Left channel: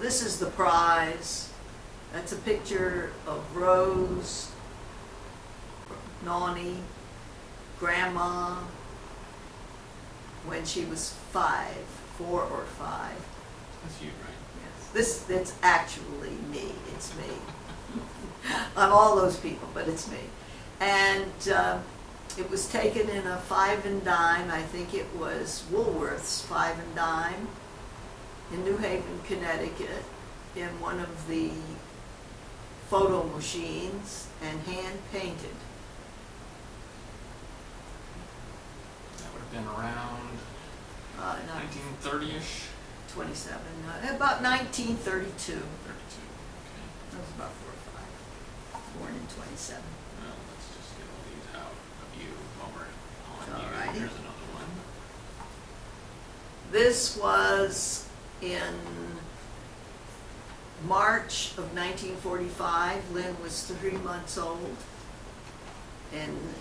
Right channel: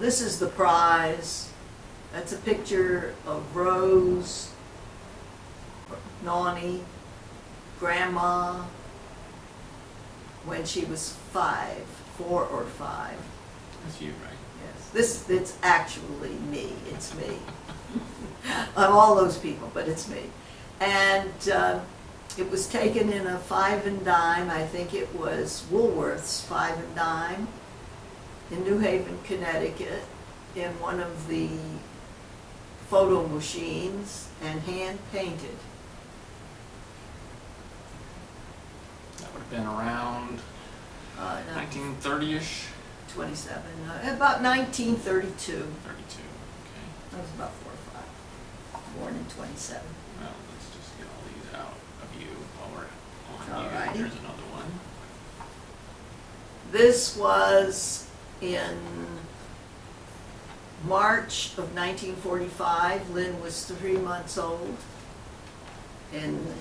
this is the prize. That's a picture of Rose, Nani, Grandma, when she was 4 or 5. That's you, right? Yes. It's actually me. It's me. I'm all those people, but it's me. And it was taken in a 5 and dime. I think it was Woolworth's 5 and dime in New Haven, Connecticut, in one of the photo machines, and hand painted. That would have been around 1930-ish? 27, about 1932. 32, okay. I was about 4 or 5, born in 27. Well, let's just get all these out of you while we're on All you. right. Here's another one. This was in March of 1945. Lynn was 3 months old in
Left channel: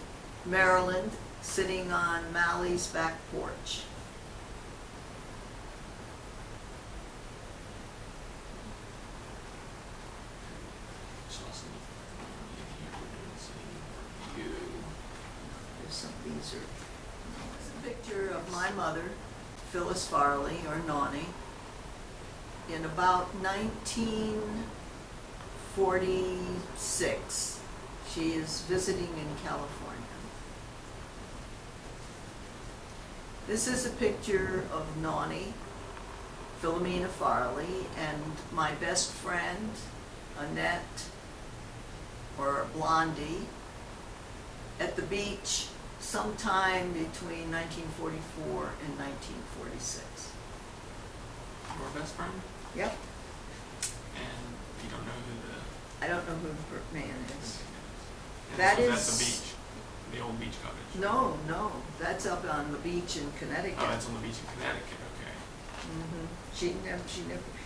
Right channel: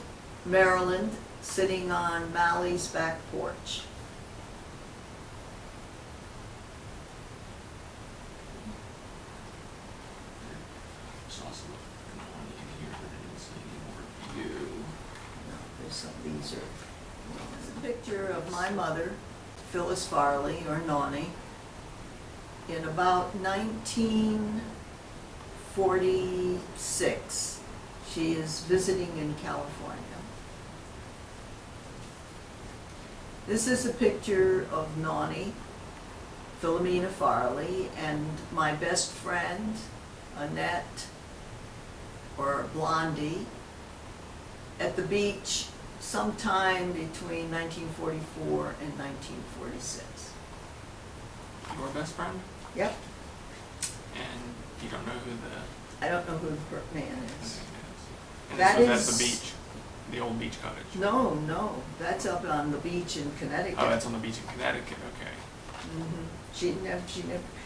Maryland, sitting on Mally's back porch. Saw some of Nani in here, but I didn't see any more of you. No, there's some, these are, there's a picture of my mother, Phyllis Farley, or Nani, in about 1946. She is visiting in California. This is a picture of Nani, Philomena Farley, and my best friend, Annette, or Blondie, at the beach sometime between 1944 and 1946. Your best friend? Yep. And you don't know who the I don't know who the man is. man is. And That this was is- at the beach, the old beach cottage. No, no, that's up on the beach in Connecticut. Oh, that's on the beach in Connecticut. Okay. Mm-hmm.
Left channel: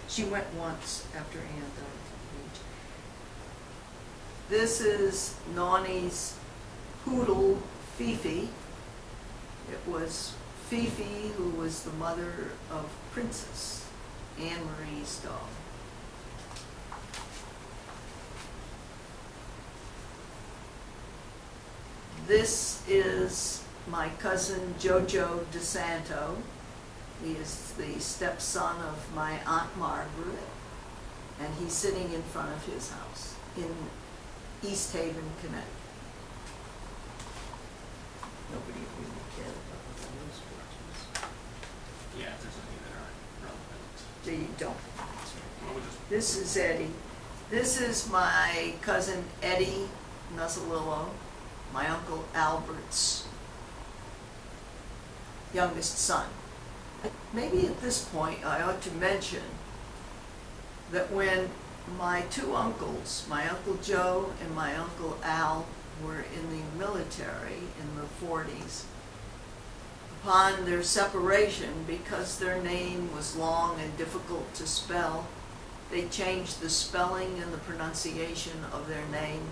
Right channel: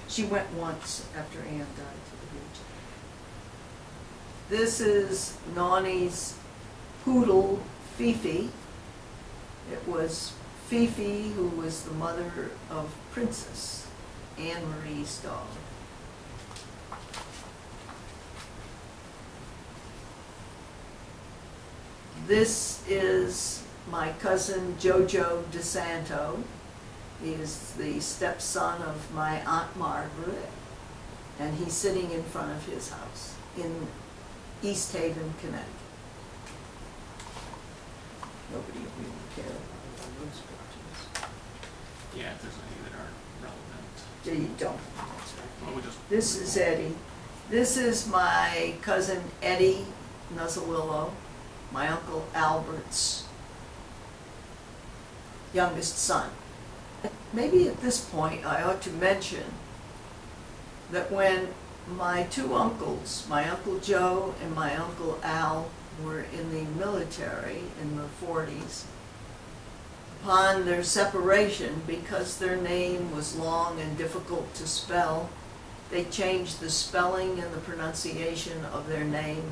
She went once after Ann died to the beach. This is Nani's poodle, Fifi. It was Fifi who was the mother of Princess, Anne Marie's dog. This is my cousin Jojo DeSanto. He is the stepson of my Aunt Margaret, and he's sitting in front of his house in East Haven, Connecticut. Nobody will really care about all those pictures. Yeah, if there's any that aren't relevant. Yeah, you don't. That's right. Well, we just This is Eddie. This is my cousin Eddie Nuzzolillo, my Uncle Albert's youngest son. Maybe at this point I ought to mention that when my 2 uncles, my Uncle Joe and my Uncle Al, were in the military in the 40s, upon their separation, because their name was long and difficult to spell, they changed the spelling and the pronunciation of their name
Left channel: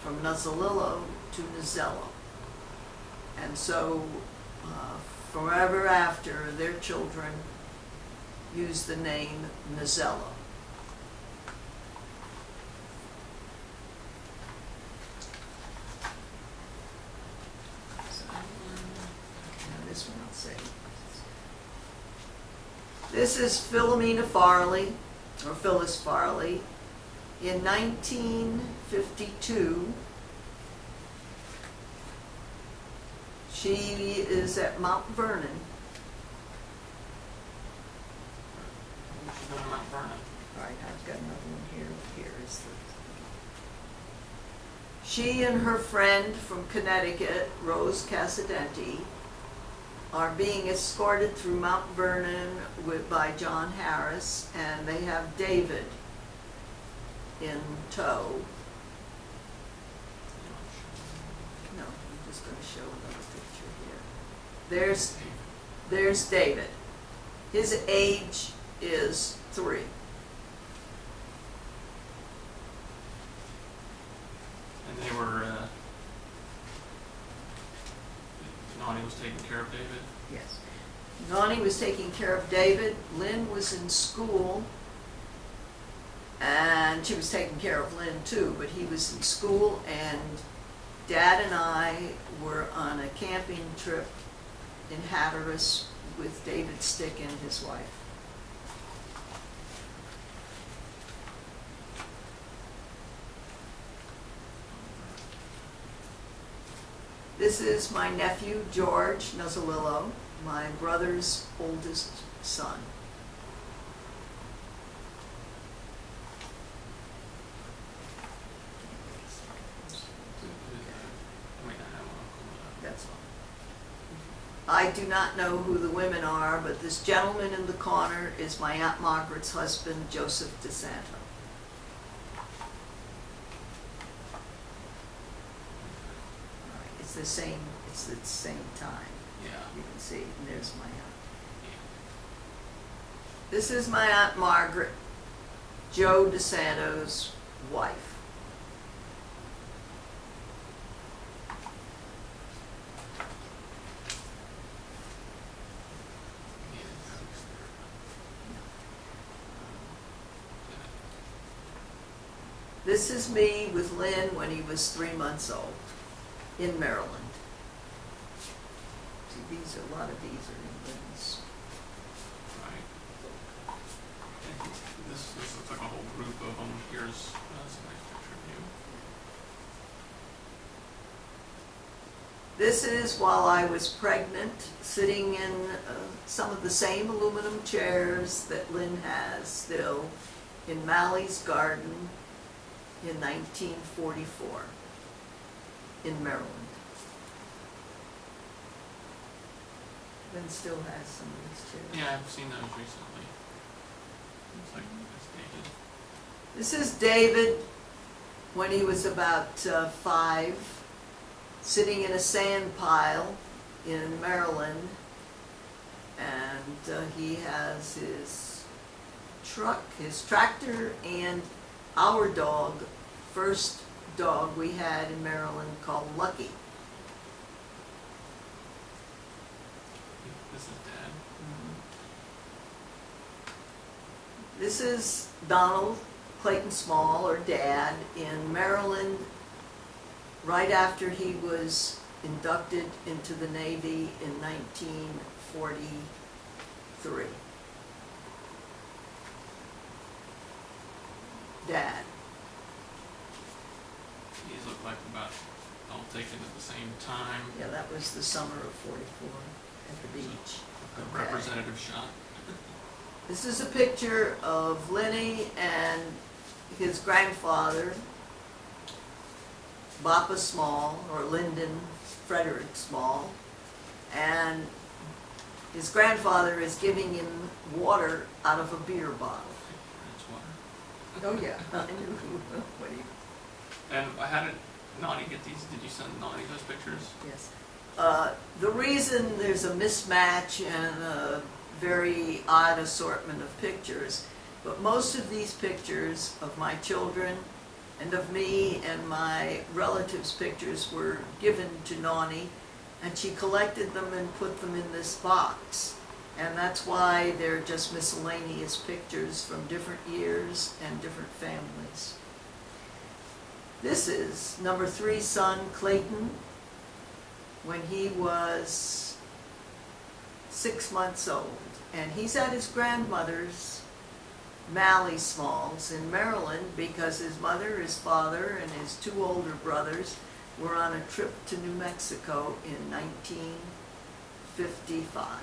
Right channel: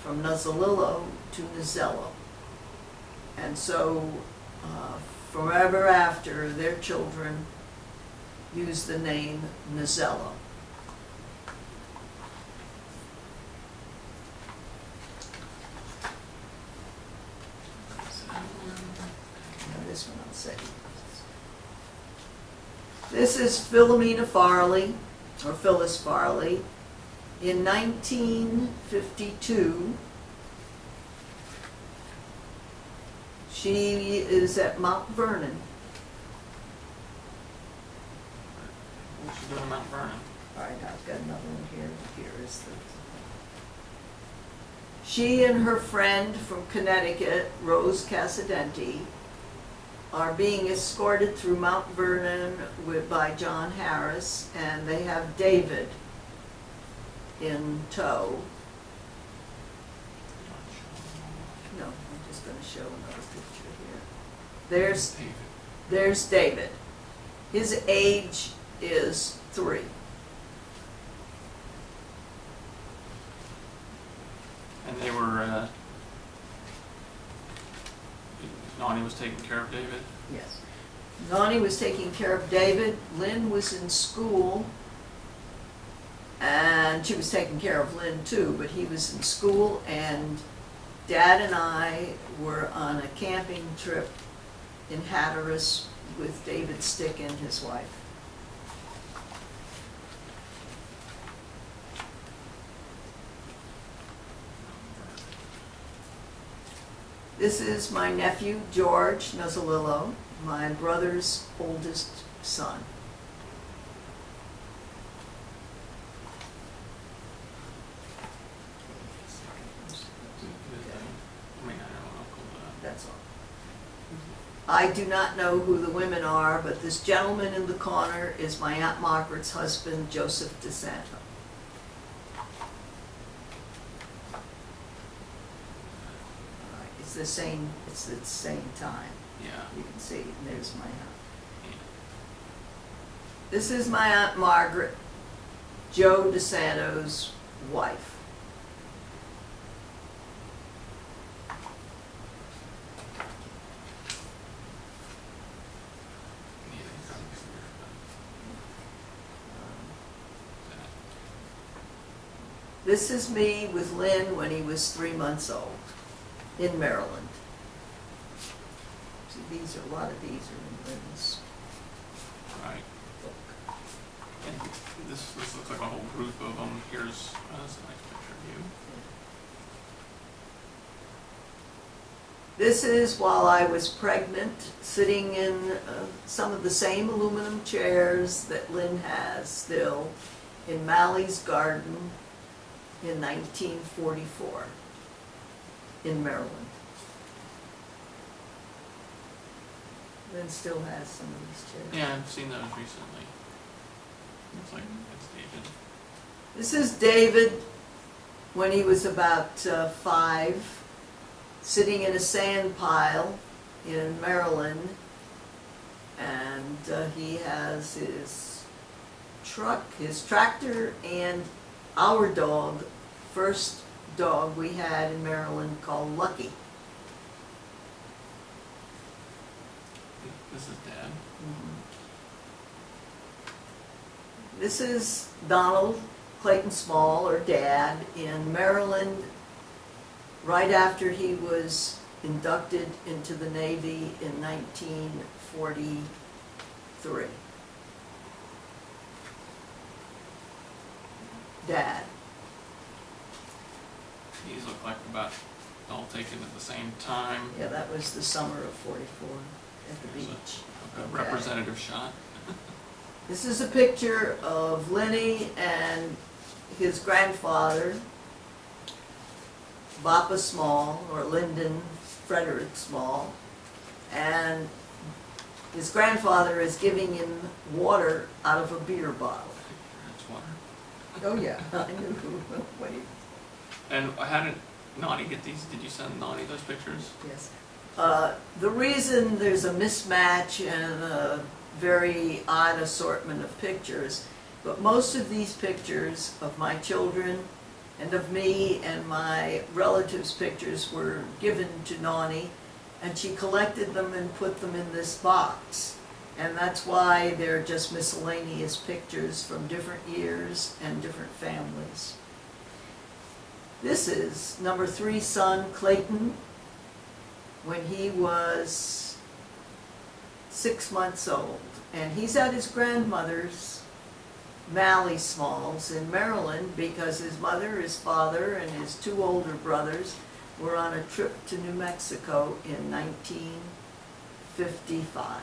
from Nuzzolillo to Nuzzello. And so forever after, their children used the name Nuzzello. Now this one I'll say. This is Philomena Farley, or Phyllis Farley. In 1952, she is at Mount Vernon. What's she doing in Mount Vernon? All right, I've got another one here. Here is the... She and her friend from Connecticut, Rose Casadenti, are being escorted through Mount Vernon by John Harris, and they have David in tow. You don't show them all. No, I'm just going to show another picture here. David. There's David. His age is 3. And they were, Nani was taking care of Yes. Nani was taking care of David. Lynn was in school And she was taking care of Lynn too, but he was in school, and Dad and I were on a camping trip in Hatteras with David Stick and his wife. This is my nephew, George Nuzzolillo, my brother's oldest son. That's all. I do not know who the women are, but this gentleman in the corner is my Aunt Margaret's husband, Joseph DeSanto. All right, it's the same time. Yeah. You can see, and there's my aunt. Yeah. This is my Aunt Margaret, Joe DeSanto's wife. This is me with Lynn when he was 3 months old in Maryland. See, a lot of these are in Lynn's Right. book. And this looks like a whole group of them. Here's that's a nice picture of you. Yeah. This is while I was pregnant, sitting in some of the same aluminum chairs that Lynn has still in Mally's garden in 1944 in Maryland. Lynn still has some of these chairs. Yeah, I've seen those recently. Looks like it's dated. This is David when he was about 5, sitting in a sand pile in Maryland, and he has his truck, his tractor, and our dog, first dog we had in Maryland called Lucky. Yeah, this is Dad. Mm-hmm. This is Donald Clayton Small, or Dad, in Maryland right after he was inducted into the Navy in 1943. Dad. These look like about all taken at the same time. Yeah, that was the summer of '44 at the There's beach. a Okay. representative shot. This is a picture of Lenny and his grandfather, Bappa Small, or Lyndon Frederick Small, and his grandfather is giving him water out of a beer bottle. It's water. Oh yeah, I knew what he. And how did Nani get these? Did you send Nani those pictures? Yes. The reason there's a mismatch and a very odd assortment of pictures, but most of these pictures of my children and of me and my relatives' pictures were given to Nani, and she collected them and put them in this box. And that's why they're just miscellaneous pictures from different years and different families. This is number 3 son, Clayton, when he was 6 months old. And he's at his grandmother's, Mally Small's, in Maryland, because his mother, his father, and his 2 older brothers were on a trip to New Mexico in 1955.